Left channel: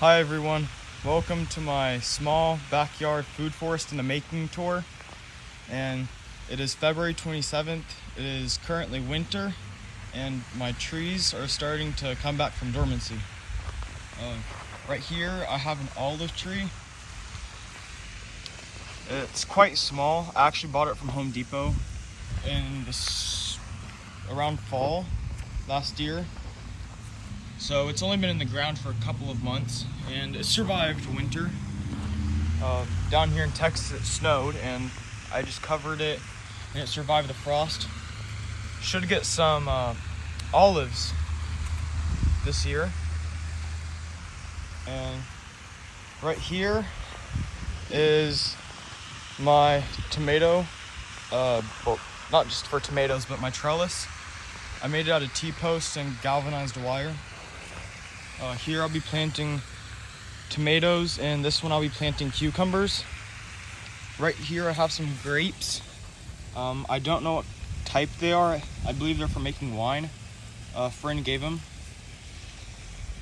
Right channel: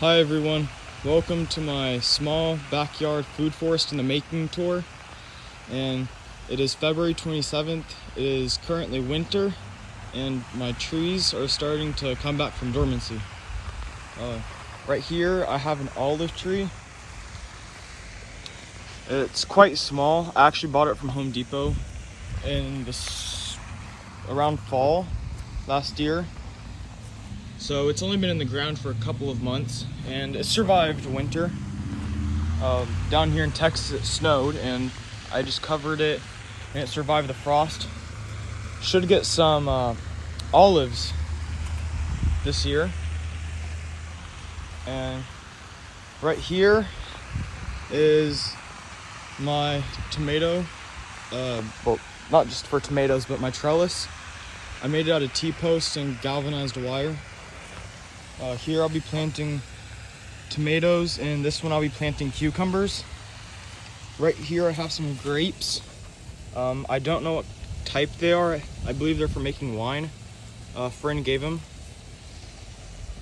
Hi everyone, welcome to my small backyard food forest in the making tour. And it is February 27th. It is currently winter and my trees are starting to come back from dormancy. Right here I have an olive tree. It's quite small. I actually bought it from Home Depot in around fall last year. So it's only been in the ground for a couple of months and it survived winter. Down here in Texas it snowed and I just covered it and it survived the frost. Should get some olives this year. And right here is my tomato, well, not just for tomatoes, but my trellis. I made it out of T-posts and galvanized wire. Here I'll be planting tomatoes, and this one I'll be planting cucumbers. Right here I have some grapes. I don't know what type they are. I believe they're for making wine. A friend gave them.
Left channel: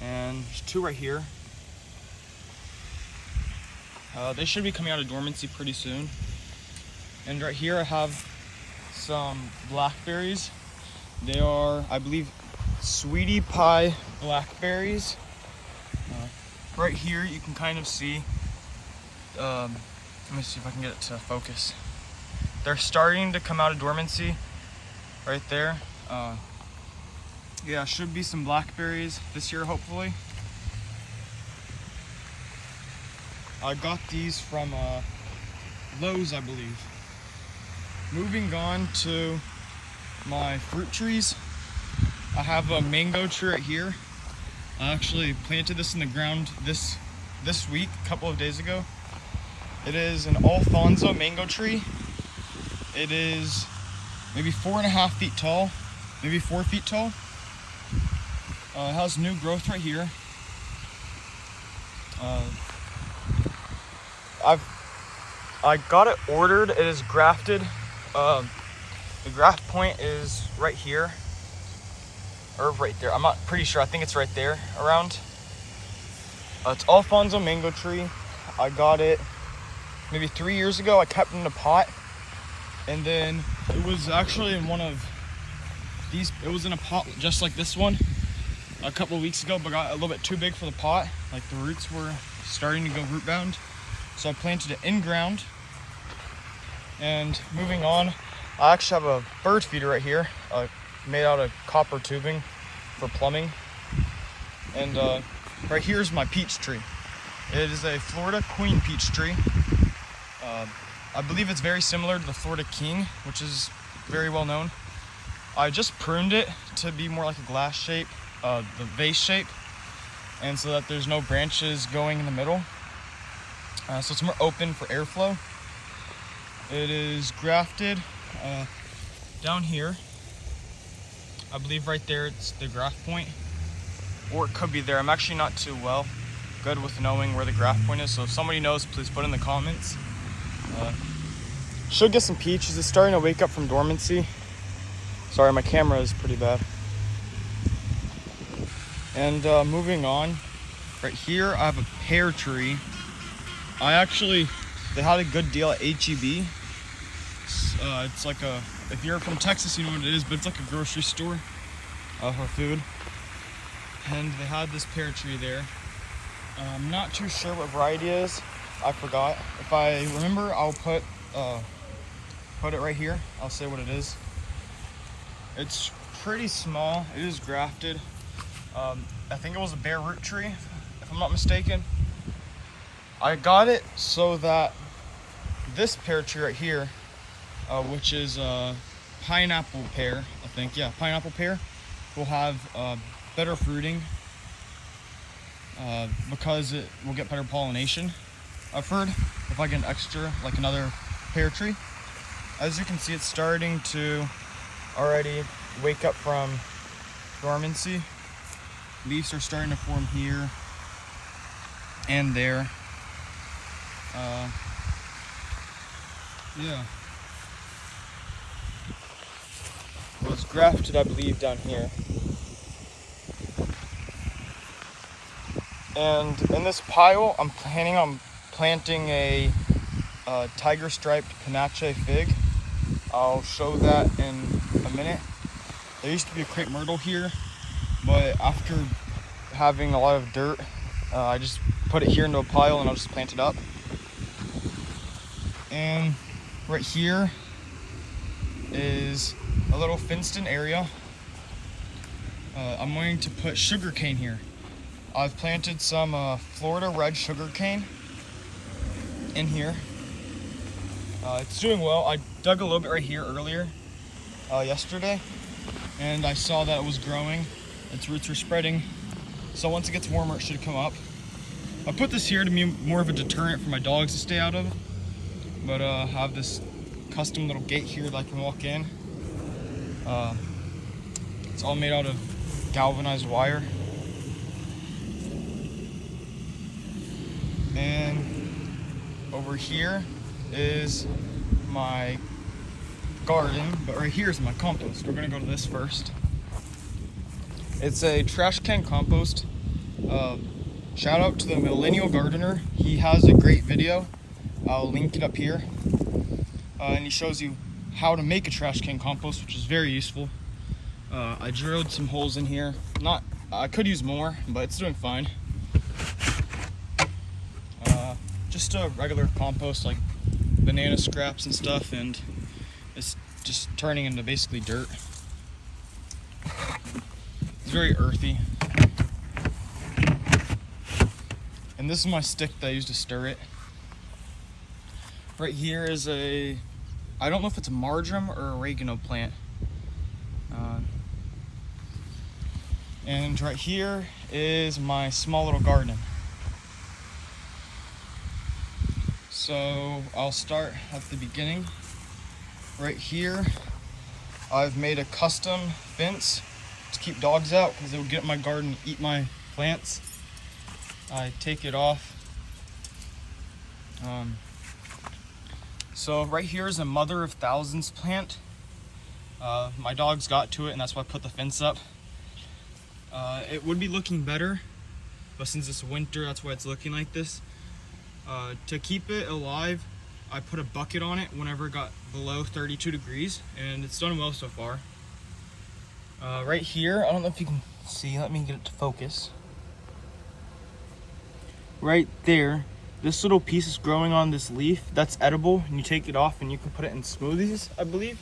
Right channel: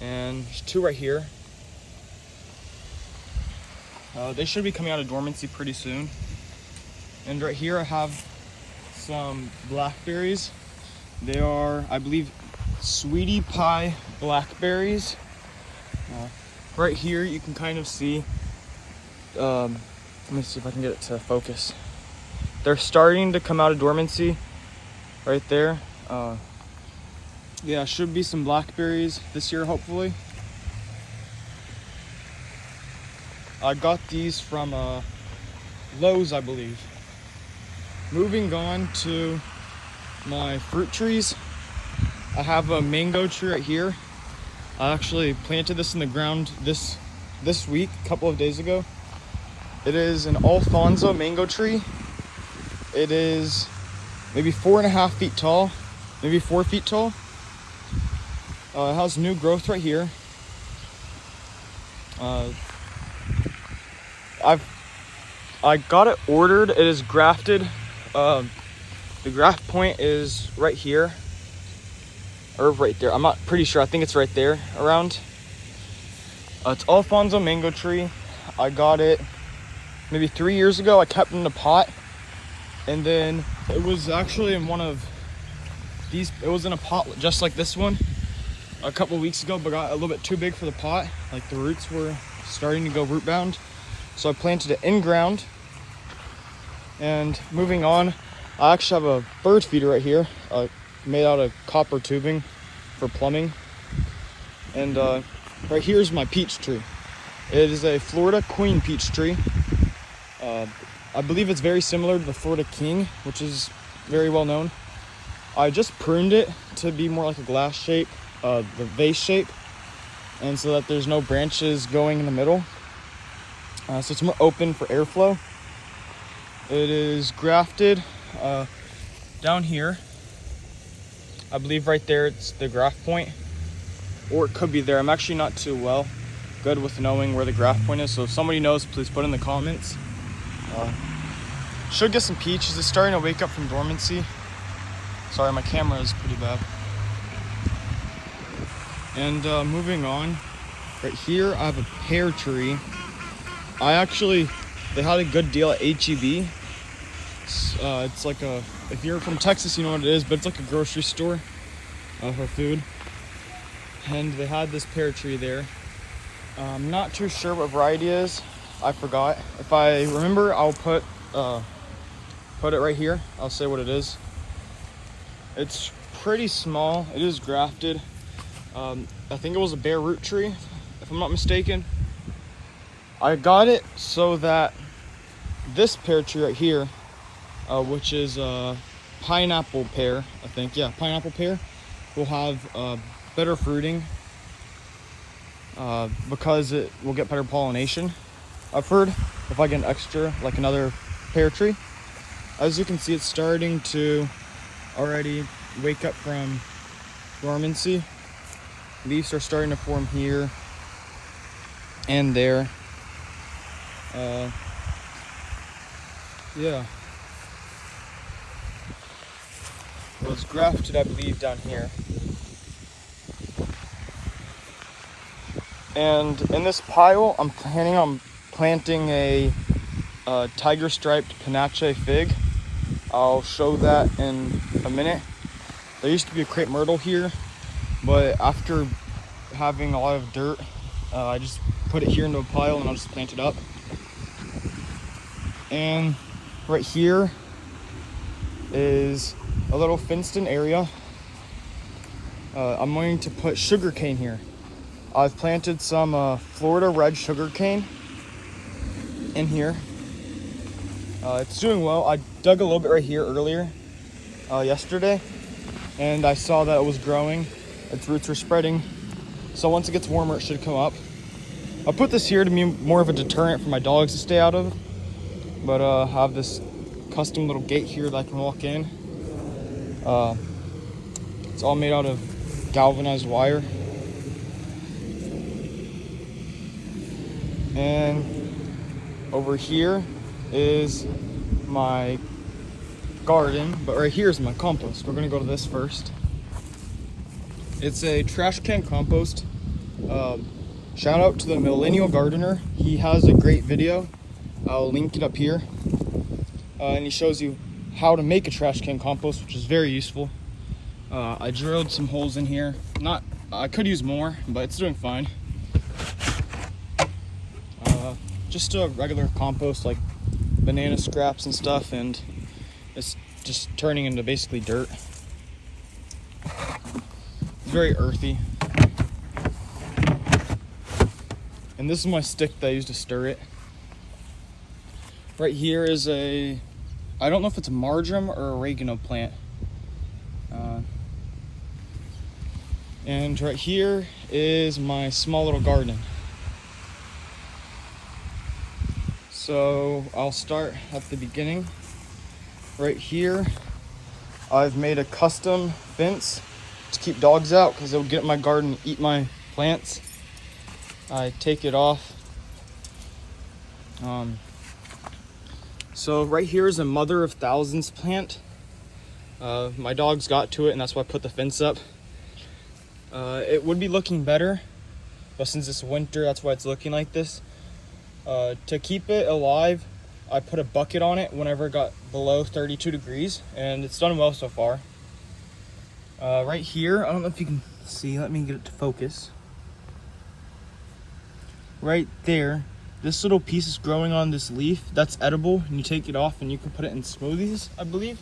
And there's two right here. They should be coming out of dormancy pretty soon. And right here I have some blackberries. They are, I believe, sweetie pie blackberries. Right here you can kind of see, let me see if I can get it to focus. They're starting to come out of dormancy right there. Yeah, should be some blackberries this year hopefully. I got these from Lowe's, I believe. Moving on to my fruit trees. I have a mango tree right here. I actually planted this in the ground this week, a couple of days ago. It is an Alfonso mango tree. It is maybe 4.5 feet tall, maybe 4 feet tall. It has new growth right here. I got it ordered. It is grafted. The graft point is right here, or right there. I'm not pretty sure. I think it's right there around. It's Alfonso mango tree. I got it maybe 3 years ago. I kept it in a pot, and then it was actually in one of these. It was in a pot just like this one a couple weeks ago, but got a little bit too big for the pot. Like the roots were starting to go root bound, so I planted it in ground. And moving on, I actually have a bird feeder right here, made out of copper tubing for plumbing. And right here is my peach tree. It is a Florida queen peach tree. I believe it's very similar to the Florida king, which is very well known. I just pruned it to be more like a glass shape, the vase shape, and so that there's no branches going in the middle. So it's more open for airflow. It is grafted down here. I believe right there it's the graft point, or it could be there. I'm actually not too good with knowing where the graft point is, so if somebody knows, please put in the comments. Should get some peaches. It's starting to wake up from dormancy. Sorry, my camera is pretty bad. And moving on, right here I have a pear tree. They had a good deal at HEB. It's like if you're from Texas, you know what it is, but it's like a grocery store for food. And they had this pear tree there. I'm not too sure what variety it is. I forgot. If I remember, I'll put it right here. I'll say what it is. It's pretty small. It is grafted. I think it was a bare root tree, if I'm not mistaken. I got it so that this pear tree right here, which is pineapple pear, I think, yeah, pineapple pear, will have better fruiting because it will get better pollination. I've heard if I get an extra, like another pear tree. As you can see, it's starting to already wake up from dormancy. Leaves are starting to form here and there. Yeah. It was grafted, I believe, down here. And in this pile, I'm planning on planting a tiger striped panache fig. I'll show that in a minute. There used to be a crepe myrtle here, but after having a lot of dirt, I just put it here into a pile and I'll just plant it up. And right here is a little fenced-in area. I'm going to put sugar cane here. I've planted some Florida red sugar cane in here. It's doing well. I dug a little bit right here earlier, yesterday, and I saw that it was growing. Its roots are spreading. So once it gets warmer, it should come up. I put this here to be more of a deterrent for my dogs to stay out of. But I have this custom little gate here that I can walk in. It's all made out of galvanized wire. And over here is my garden, but right here is my compost. We're gonna go to this first. It's a trash can compost. Shout out to the Millennial Gardener. He has a great video. I'll link it up here. And he shows you how to make a trash can compost, which is very useful. I drilled some holes in here. I could use more, but it's doing fine. Just a regular compost, like banana scraps and stuff, and it's just turning into basically dirt. It's very earthy. And this is my stick that I use to stir it. Right here is I don't know if it's a marjoram or oregano plant. And right here is my small little garden. So I'll start at the beginning. Right here, I've made a custom fence to keep dogs out because they'll get in my garden and eat my plants. I take it off. So right here is a mother of thousands plant. My dogs got to it, and that's why I put the fence up. It would be looking better, but since it's winter, that's why it's looking like this. To keep it alive, I put a bucket on it whenever it got below 32 degrees, and it's done well so far. Right here, I don't know if you can see, let me get it to focus. Right there, this little piece is growing on this leaf. That's edible, and you take it off and you can put it in smoothies, I believe.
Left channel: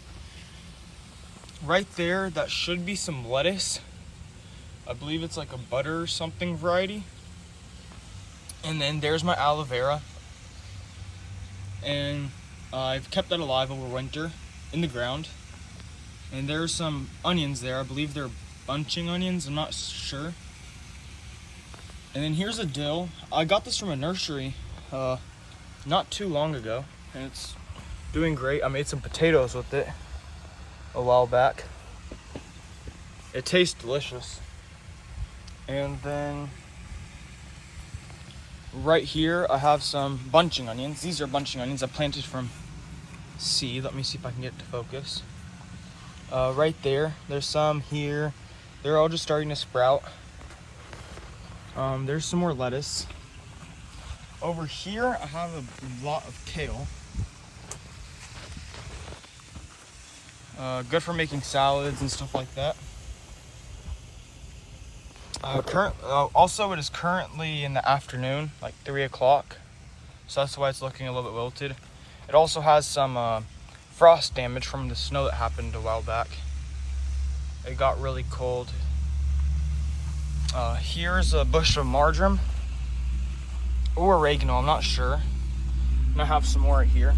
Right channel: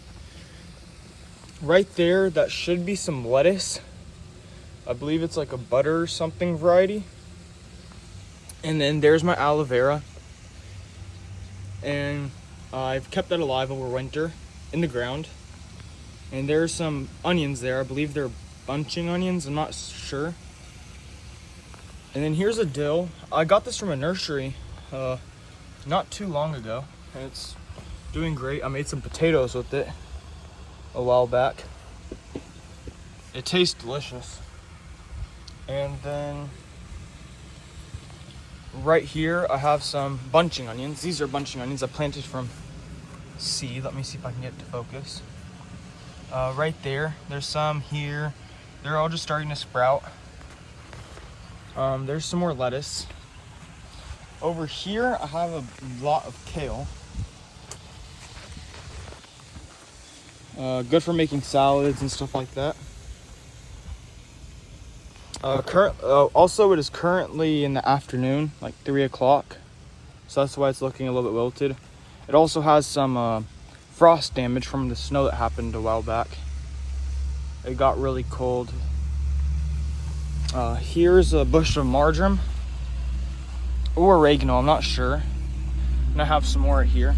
Right there, that should be some lettuce. I believe it's like a butter or something variety. And then there's my aloe vera. And I've kept that alive over winter in the ground. And there's some onions there. I believe they're bunching onions, I'm not sure. And then here's a dill. I got this from a nursery not too long ago, and it's doing great. I made some potatoes with it a while back. It tastes delicious. And then right here I have some bunching onions. These are bunching onions I planted from seed. Let me see if I can get it to focus. Right there, there's some here. They're all just starting to sprout. There's some more lettuce. Over here, I have a lot of kale. Good for making salads and stuff like that. Also, it is currently in the afternoon, like 3 o'clock. So that's why it's looking a little bit wilted. It also has some frost damage from the snow that happened a while back. It got really cold. Here's a bush of marjoram or oregano, I'm not sure. And I have some more right here.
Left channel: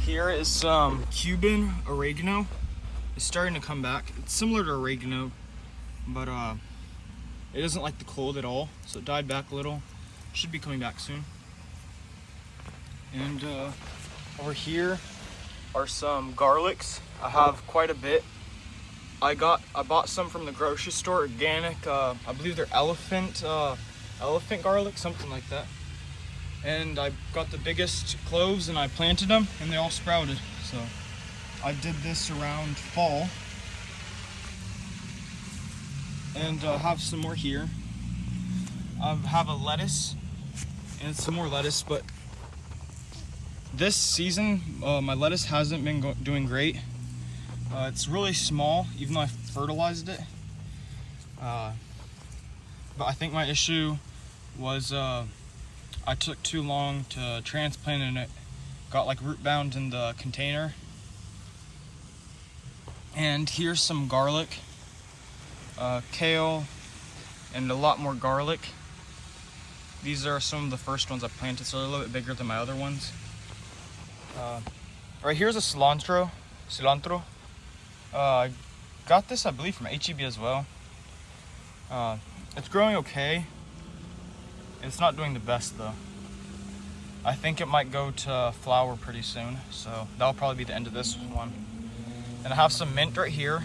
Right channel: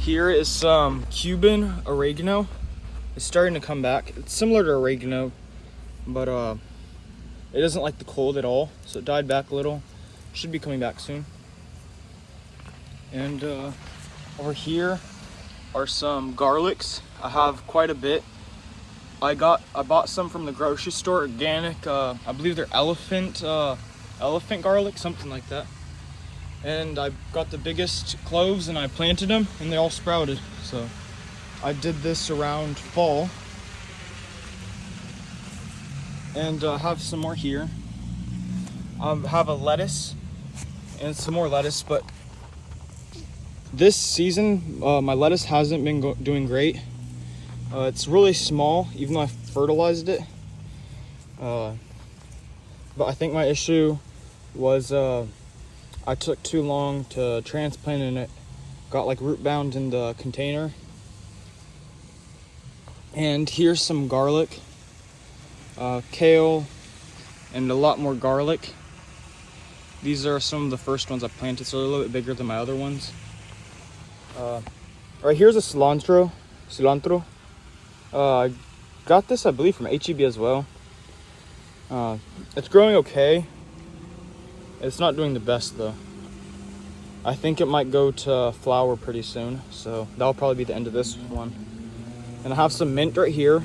Here is some Cuban oregano. It's starting to come back. It's similar to oregano, but it doesn't like the cold at all, so it died back a little. Should be coming back soon. And over here are some garlics. I have quite a bit. I bought some from the grocery store, organic. I believe they're elephant garlic, something like that. And I got the biggest cloves and I planted them and they all sprouted. So I did this around fall. And have some more here. have a lettuce and some more lettuce, but this season my lettuce hasn't been doing great. It's really small, even though I fertilized it. But I think my issue was I took too long to transplant, and it got like root bound in the container. And here's some garlic, kale, and a lot more garlic. These are some of the first ones I planted, so they're a little bit bigger than my other ones. Right here's a cilantro. I got this, I believe, from HEB as well. It's growing okay. It's not doing the best though. I think it might go to flower pretty soon, so that'll probably be the end of this one. And I have some mint right here.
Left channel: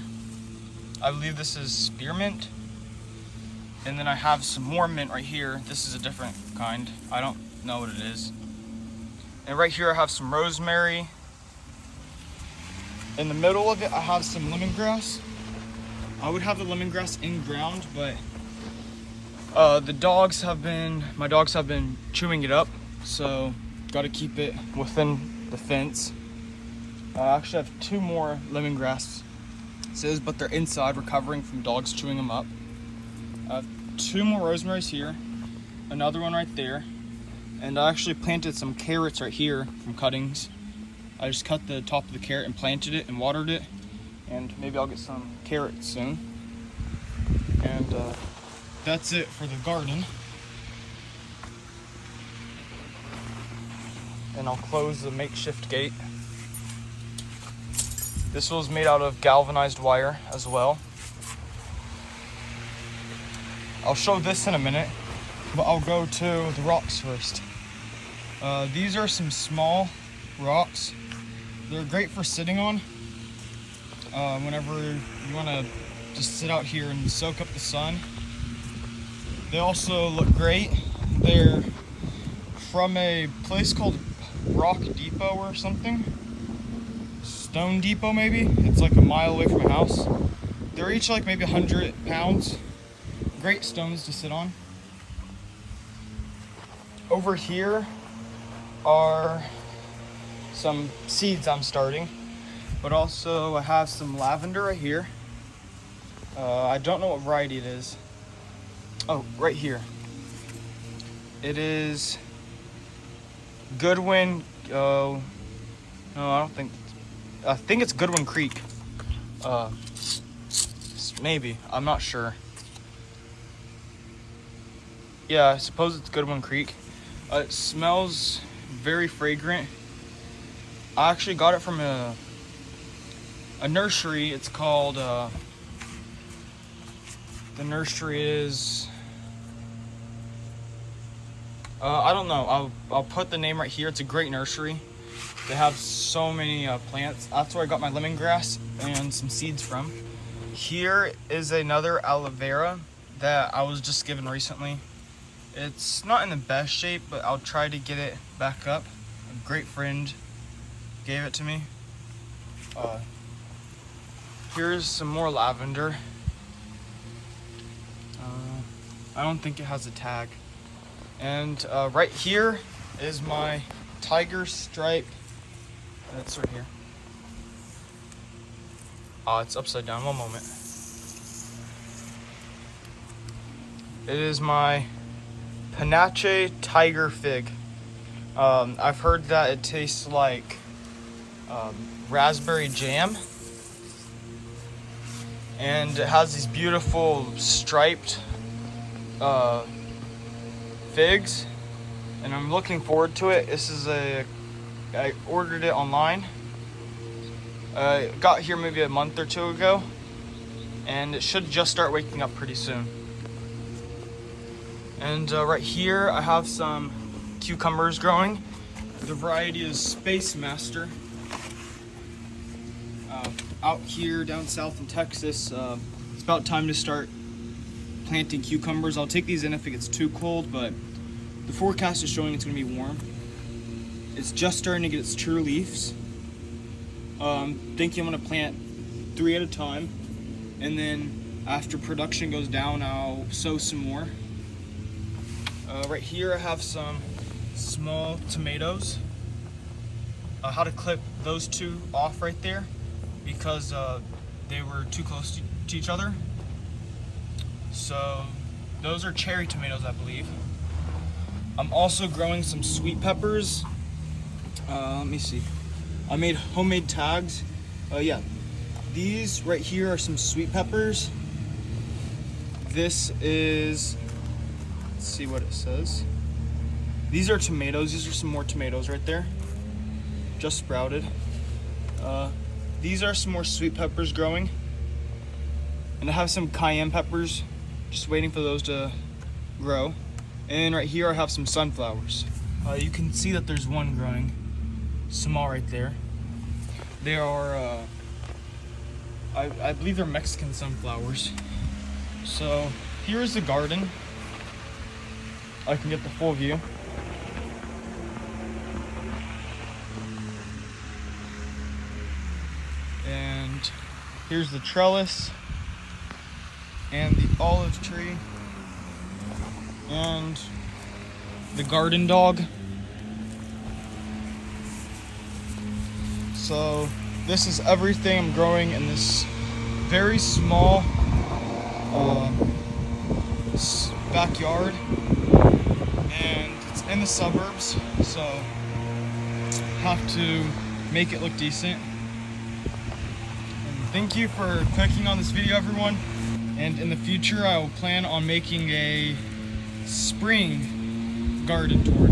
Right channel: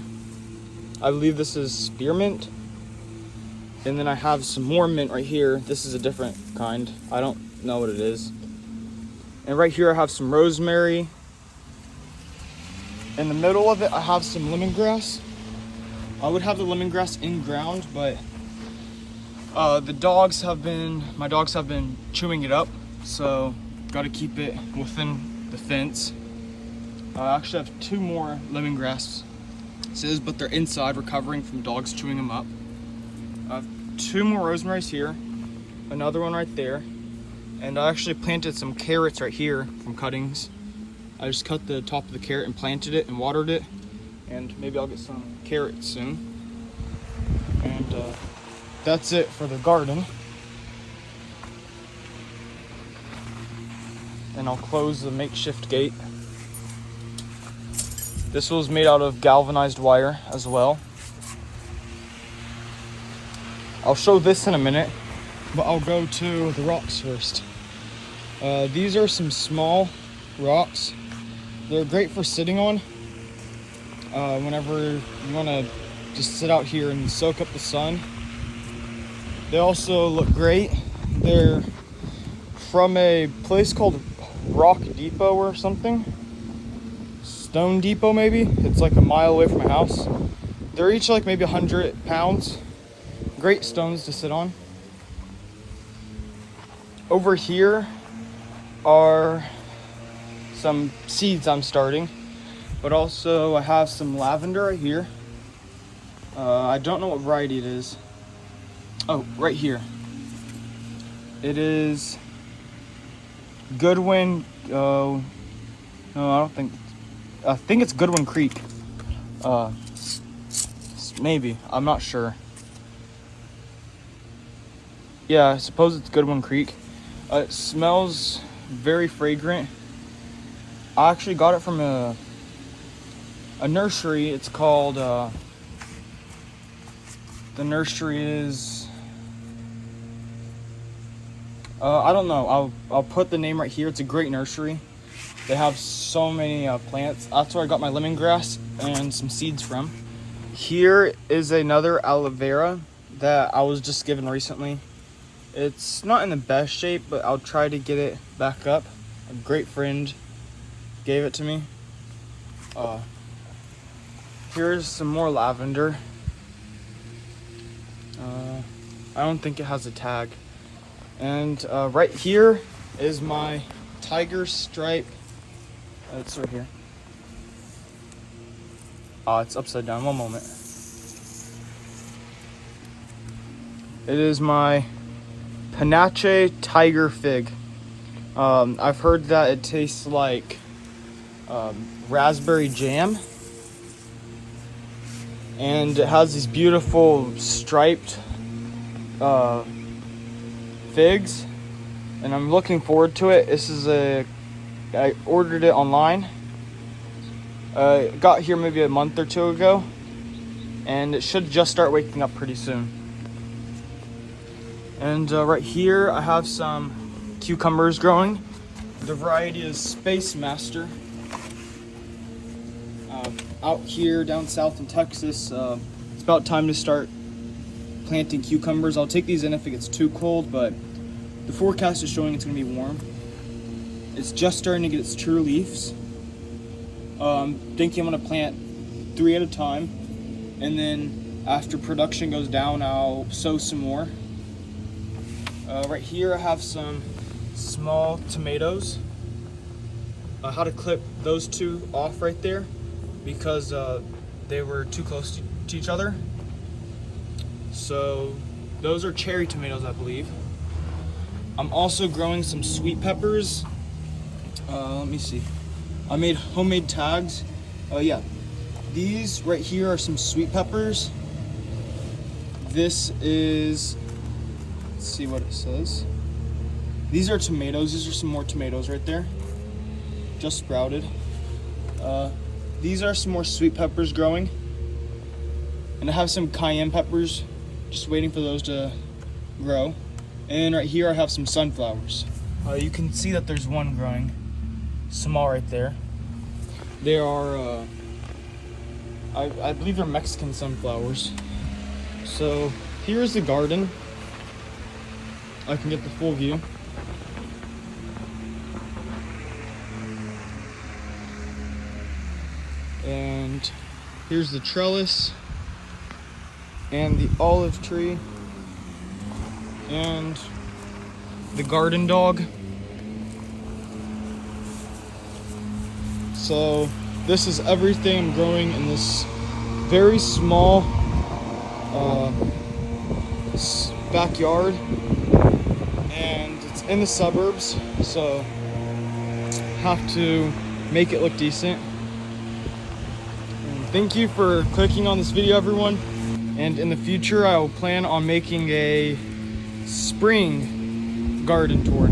I believe this is spearmint. And then I have some more mint right here. This is a different kind. I don't know what it is. And right here I have some rosemary. In the middle of it I have some lemongrass. I would have the lemongrass in ground, but my dogs have been chewing it up, so gotta keep it within the fence. I actually have 2 more lemongrasses, but they're inside recovering from dogs chewing them up. I have 2 more rosemaries here, another one right there, and I actually planted some carrots right here from cuttings. I just cut the top of the carrot and planted it and watered it, and maybe I'll get some carrots soon. And that's it for the garden. And I'll close the makeshift gate. This was made out of galvanized wire as well. I'll show this in a minute, but I'll go to the rocks first. These are some small rocks. They're great for sitting on. Whenever you want to just sit out here and soak up the sun. They also look great. They're from a place called Rock Depot or something. Stone Depot maybe. It's like a mile away from my house. They're each like maybe 100 pounds. Great stones to sit on. Over here are some seeds I'm starting, but also I have some lavender right here. I don't know what variety it is. Oh, right here. It is Goodwin. No, I think it's Goodwin Creek. Maybe, I'm not sure. Yeah, I suppose it's Goodwin Creek. It smells very fragrant. I actually got it from a nursery. It's called, the nursery is, I don't know. I'll put the name right here. It's a great nursery. They have so many plants. That's where I got my lemongrass and some seeds from. Here is another aloe vera that I was just given recently. It's not in the best shape, but I'll try to get it back up. A great friend gave it to me. Here's some more lavender. I don't think it has a tag. And right here is my tiger stripe. It's right here. It's upside down. One moment. It is my Panache tiger fig. I've heard that it tastes like raspberry jam, and it has these beautiful striped figs, and I'm looking forward to it. I ordered it online. It got here maybe a month or 2 ago, and it should just start waking up pretty soon. And right here I have some cucumbers growing. The variety is Space Master. Out here down south in Texas, it's about time to start planting cucumbers. I'll take these in if it gets too cold, but the forecast is showing it's going to be warm. It's just starting to get its true leaves. Thinking I'm going to plant 3 at a time, and then after production goes down, I'll sow some more. Right here I have some small tomatoes. How to clip those two off right there because they were too close to each other. So those are cherry tomatoes, I believe. I'm also growing some sweet peppers. Let me see. I made homemade tags. Yeah, these right here are some sweet peppers. This is, let's see what it says. These are tomatoes. These are some more tomatoes right there. Just sprouted. These are some more sweet peppers growing. And I have some cayenne peppers, just waiting for those to grow. And right here I have some sunflowers. You can see that there's one growing, small right there. They are, I believe they're Mexican sunflowers. So here's the garden. I can get the full view. And here's the trellis and the olive tree and the garden dog. So this is everything I'm growing in this very small backyard, and it's in the suburbs, so have to make it look decent. Thank you for clicking on this video, everyone, and in the future I will plan on making a spring garden tour.